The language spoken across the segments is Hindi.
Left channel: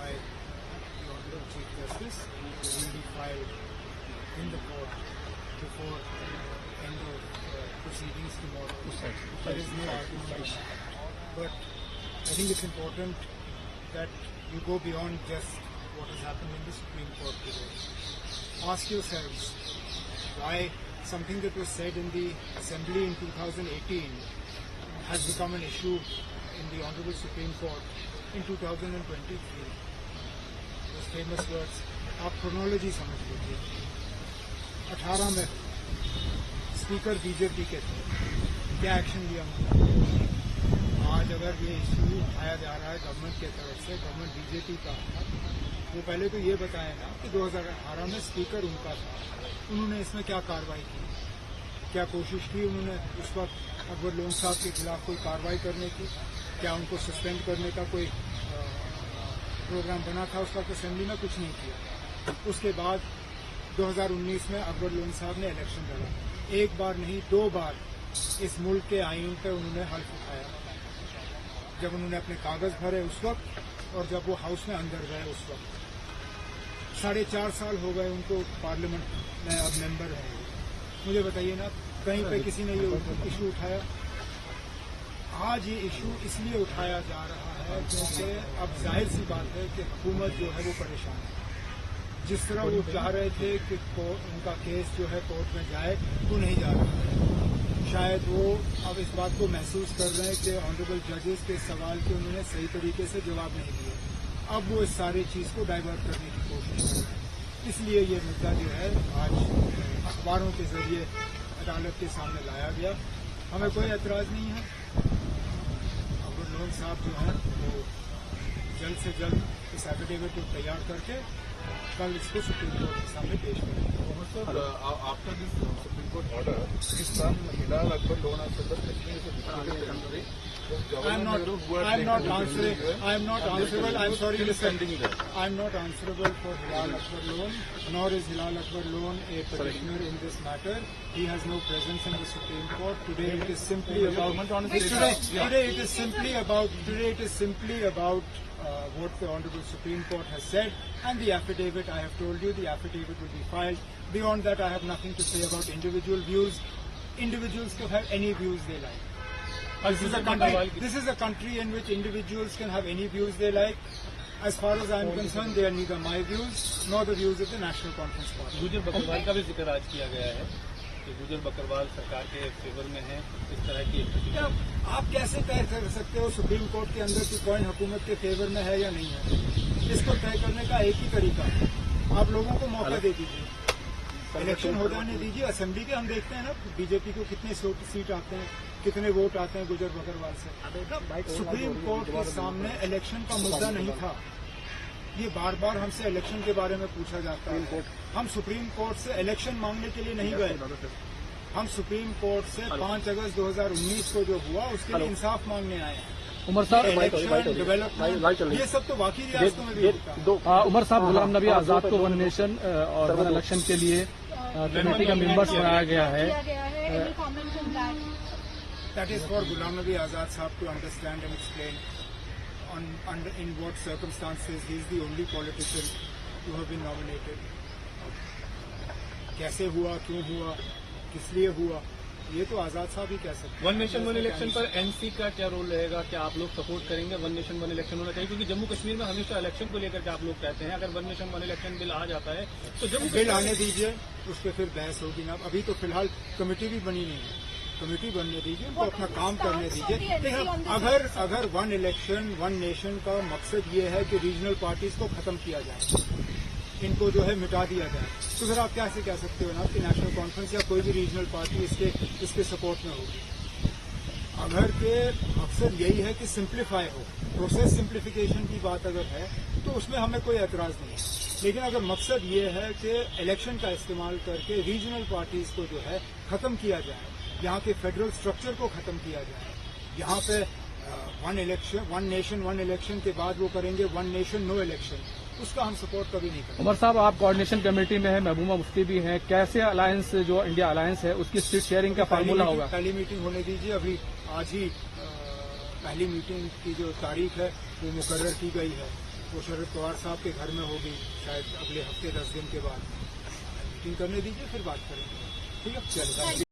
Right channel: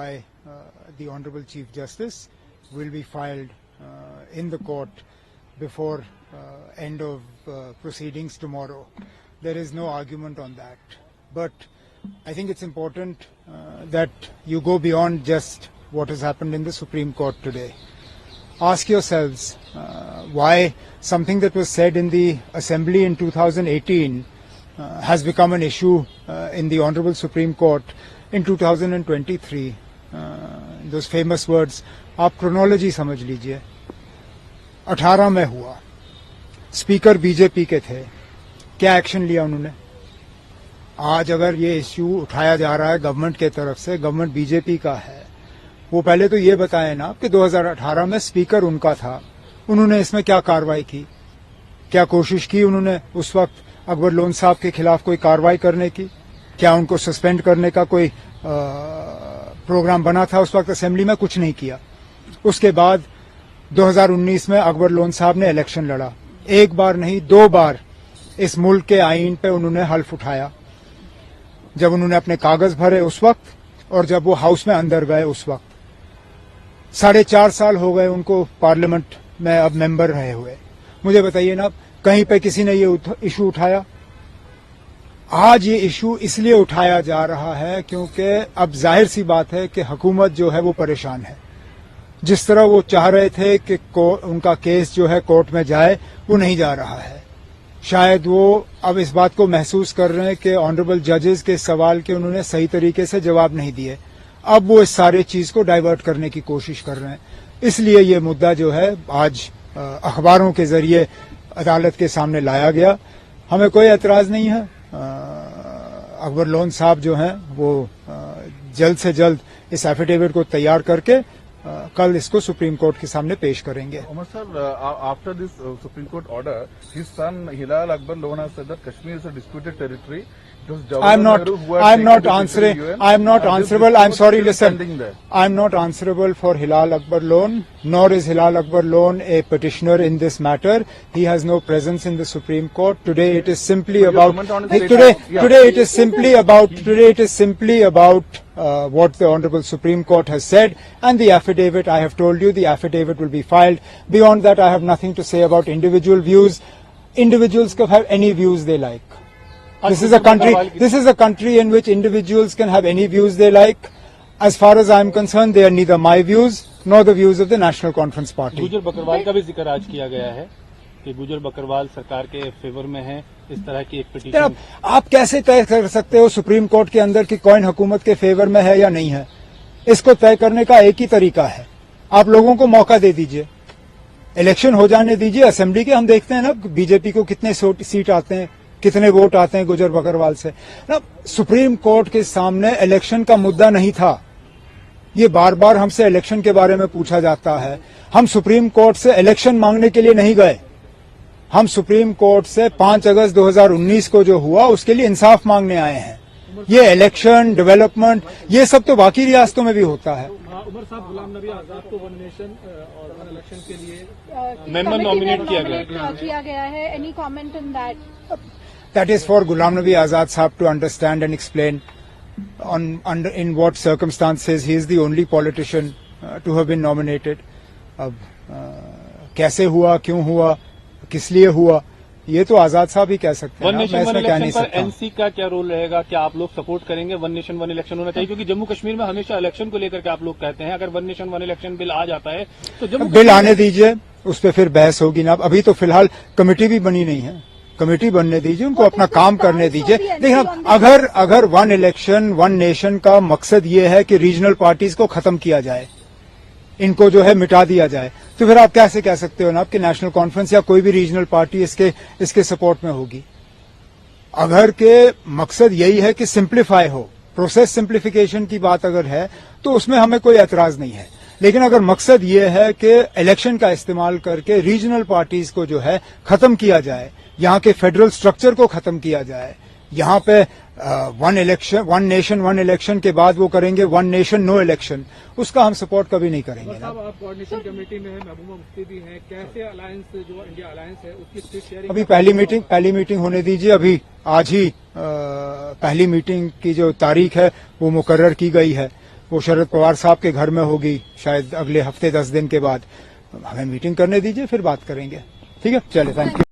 by the Honorable Chief Justice will be filed in the court before end of proceedings tomorrow. There is no argument on that. But I think it's important that you go beyond just what has happened in the Supreme Court today. Ask yourselves why something that was said in the Assembly in 2018 has become an issue in the Honorable Supreme Court in 2023. Those famous words, आप क्रोनोलॉजी समझ लीजिए. 18 में हुआ, स्पीकर बीजेपी के थे, क्या एक्शन लिया उन्होंने? आज अगर ये इश्यू उठाया जा रहा है गवर्नमेंट के तरफ से, गवर्नमेंट बीजेपी का है, वो पहले तो ये बताएं ना कि 2018 में स्पीकर उनका था, उन्होंने इसमें क्या कार्रवाई की, क्या कोशिश की उन्होंने उस वक्त अकबर लोन साहब के खिलाफ कोई कार्रवाई करने की? क्या उनको सस्पेंड करने का कोई प्रोग्राम बना था उस वक्त असेंबली में? कुछ नहीं किया. उसके बाद 2019 में अकबर लोन साहब ने इलेक्शन लड़ा. एक बार नहीं, 2 बार इस मुल्क के आईन पे उन्होंने हल्फ उठाया. जब उन्होंने अपने कागज भरे उस वक्त और जब वो हाउस में अंदर गए उस वक्त. 4.5 साल हो गए उनको पार्लियामेंट में अब मेंबर रहे हुए. मुझे बताइए ना, कहीं पे किसी ने ये इशू उठाया? आज ये इशू इसलिए उठाया जा रहा है क्योंकि अब जाहिर सी बात है कि हुकूमत जो है वो परेशान है. जिस तरह वो चाह रहे थे कि उनका केस जो है कोर्ट में जाए, वो नहीं जा रहा है. शायद वो अब इस बात को महसूस कर रहे हैं कि ऑनरेबल जजेस के सवाल के उन्होंने सही तरीके से जवाब नहीं दिए. अब वो इस सारे चीज को डाइवर्ट करने की कोशिश कर रहे हैं. इसलिए ये मुद्दा जो है आज अखबारों के जरिए अदालत के सामने लाया गया. हमें कोई एतराज नहीं है. अकबर लोन साहब जो हैं वो जल्द से जल्द इस एफिडेविट को तैयार करके कल इसको सुप्रीम कोर्ट के सामने पेश करेंगे. Umar sir, after this Supreme Court order, his son Hilal Akbar Loan has said that Kashmir is a disputed territory. I'm not answering. I'm not answerable. I'm sorry. Listen, I'm not answerable for Hilal Akbar Loan, nor is Hilal Akbar Loan a petitioner in this matter. He has no presence in the Supreme Court. Today it is simply about. Today it is simply about what the Honorable Supreme Court has said, and the affidavit. I have told you the affidavit will be filed. Beyond that, I have nothing to say about individual views. Individuals can have any views they like. This is a country in which individuals can have any views they like. As far as I am concerned, they are neither my views nor the views of the National Conference Party. गुजर बकरवाल का भी जिक्र आज किया गया है कि गुजर बकरवाल सरकार के फेवर में है. इस तरह की एक पिटीशन आप कैसे तय कर सकते हो सुप्रीम कोर्ट के अंदर कि कौन हुकूमत के फेवर में है या नहीं है? इसको तय करने का एक ही तरीका है, आप लोगों को मौका दे दीजिए, इलेक्शन हो जाने दीजिए असेंबली के. हम देखते हैं ना बीजेपी को कितने सीट आते हैं, कितने वोट आते हैं गुजर बकरवाल से ना. सुप्रीम कोर्ट के सामने इलेक्शन का मुद्दा नहीं था. ये बार बार हमसे इलेक्शन के बारे में पूछा जाता है. हम सुप्रीम कोर्ट से इलेक्शन मांगने के लिए नहीं गए. हम सुप्रीम कोर्ट से 5 अगस्त 2019 को जो हुआ उसके लिए इंसाफ मांगने आए हैं. ये इलेक्शन, डेवलपमेंट, ये सब तो बाकी रियासतों में भी होता है. उमर साहब, गुलाम नबी आजाद को वन नेशन और वन इलेक्शन के लिए मेंबर नॉमिनेट किया गया है. Any comment in that? That is for Ghulam Nabi Azad Sahab to understand and explain in what circumstances he is the only politician to have been nominated. अब कैसे हुआ, क्यों हुआ, किस लिए हुआ, ये तो आजाद साहब ही कह सकते हैं. वन नेशन वन इलेक्शन पर एनसी का क्या रोल रहेगा? क्या आप लोग सपोर्ट करेंगे वन नेशन वन इलेक्शन होना चाहिए? क्योंकि जम्मू कश्मीर में हमेशा इलेक्शन को लेकर के आप लोग कहते हैं, अगर one nation one election bill आ जाता है तो जम्मू बिल आने दीजिए, उस पर फिर बहस होगी ना. अभी तो फिलहाल कमेटी भी बनी नहीं है. कमेटी बनने दीजिए, उनको अपना काम करने दीजिए. देखिए, अगर वन इलेक्शन वन नेशन का मकसद ये है कि रीजनल पार्टीज को खत्म किया जाए, इनको जो है मिटा दिया जाए, तो फिर आप कैसे कह सकते हो ना आपकी नेशनल कॉन्फ्रेंस या कोई भी रीजनल पार्टी इसके सपोर्ट में होगी? अगर के मकसद यही है कि सिंप्लीफाई हो, प्रोसेस सिंप्लीफिकेशन की बात अगर है तो उसमें हमें कोई एतराज नहीं है. लेकिन अगर मकसद ये है कि इलेक्शन का इस्तेमाल करके रीजनल पार्टीज को जो है खत्म किया जाए, यहाँ के फेडरल स्ट्रक्चर को खत्म किया जाए, यहाँ पे वन नेशन वन इलेक्शन के बाद वो करेंगे वन नेशन नो इलेक्शन, उसका हम सपोर्ट कभी नहीं करेंगे. साहब, आप कोऑर्डिनेशन कमेटी में है, महबूबा मुफ्ती भी हैं, कैसे अलायंस जो इंडिया अलायंस है उसकी सीट शेयरिंग? अभी पहली मीटिंग होने दीजिए. अभी आज ही पहली मीटिंग की जो तारीख है वो मुकर्रर की गई है. वो शरद पवार साहब के घर में होगी शायद अगले हफ्ते 10 दिन के बाद। हमें मीटिंग करने दीजिए, फिर बात करेंगे। ठीक है, चलिए, थैंक यू।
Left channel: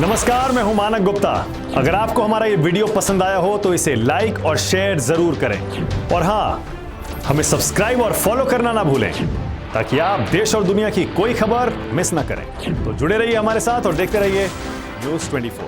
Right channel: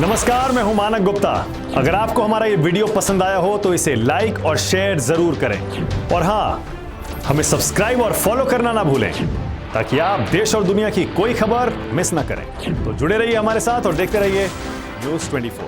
नमस्कार, मैं हूं मानक गुप्ता। अगर आपको हमारा ये वीडियो पसंद आया हो तो इसे लाइक और शेयर जरूर करें, और हां, हमें सब्सक्राइब और फॉलो करना ना भूलें ताकि आप देश और दुनिया की कोई खबर मिस ना करें। तो जुड़े रहिए हमारे साथ और देखते रहिए News 24।